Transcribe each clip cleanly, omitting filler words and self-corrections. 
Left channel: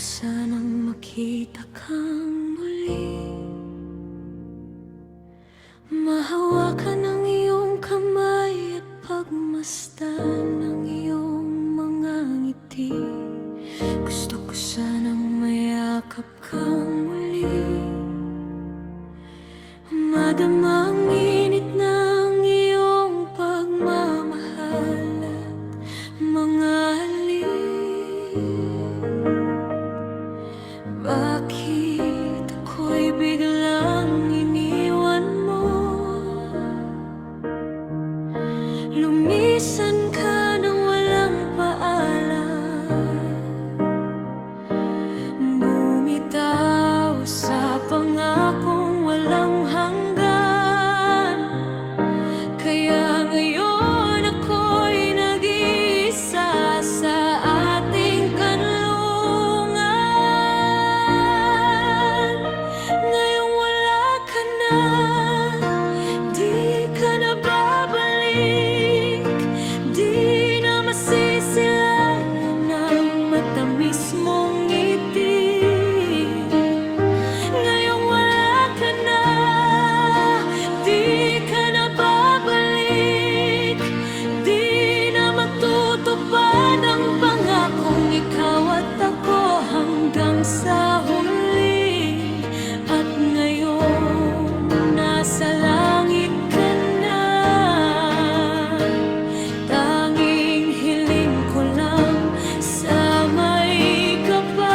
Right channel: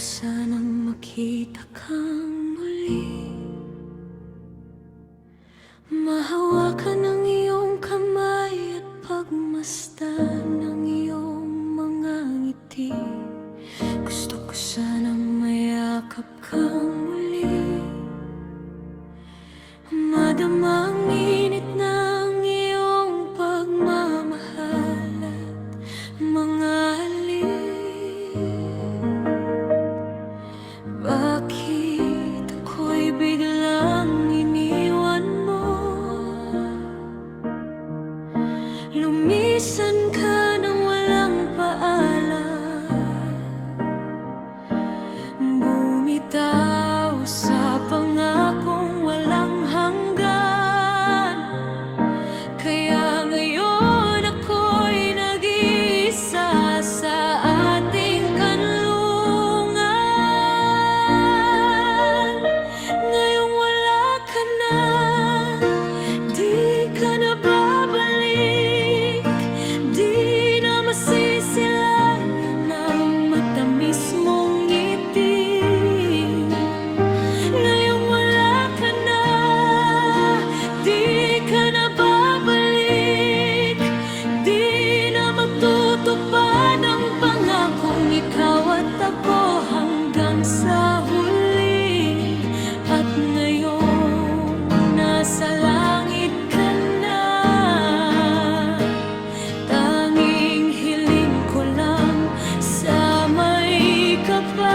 sanang makita kang muli, mahawakan ang iyong kamay at pagmasdan ng iyong mga ngiti. Gusto ko sanang mayakap kang muli, madama ang init ng iyong pagmamahal at mga halik. Bakit ako'y biglang iniwan mo? Lumisan ka nang walang paalam, bumitaw sa pangakong walang hanggan. Kaya ngayon ako'y nag-iisa sa ating kanlungan. Ngayong wala ka na, di ka na babalik, di na masisilayan ang matamis mong ngiti. Ngayong wala ka na, di ka na babalik, di na matutupad ang pangakong ikaw at ako hanggang sa huli. At ngayon nasa langit ka na, tanging hiling ko lang sa may kapal.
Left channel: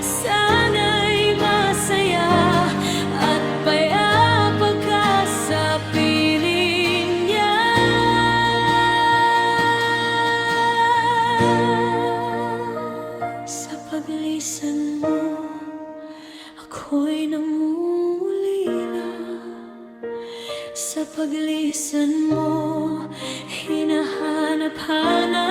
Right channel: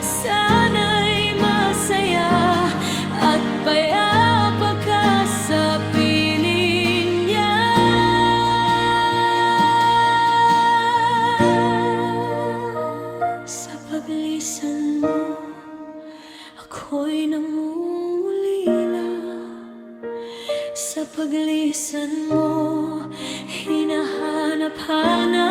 Sana'y masaya at payapa ka sa piling niya. Sa paglisan mo, ako'y nangungulila. Sa paglisan mo, hinahanap-hanap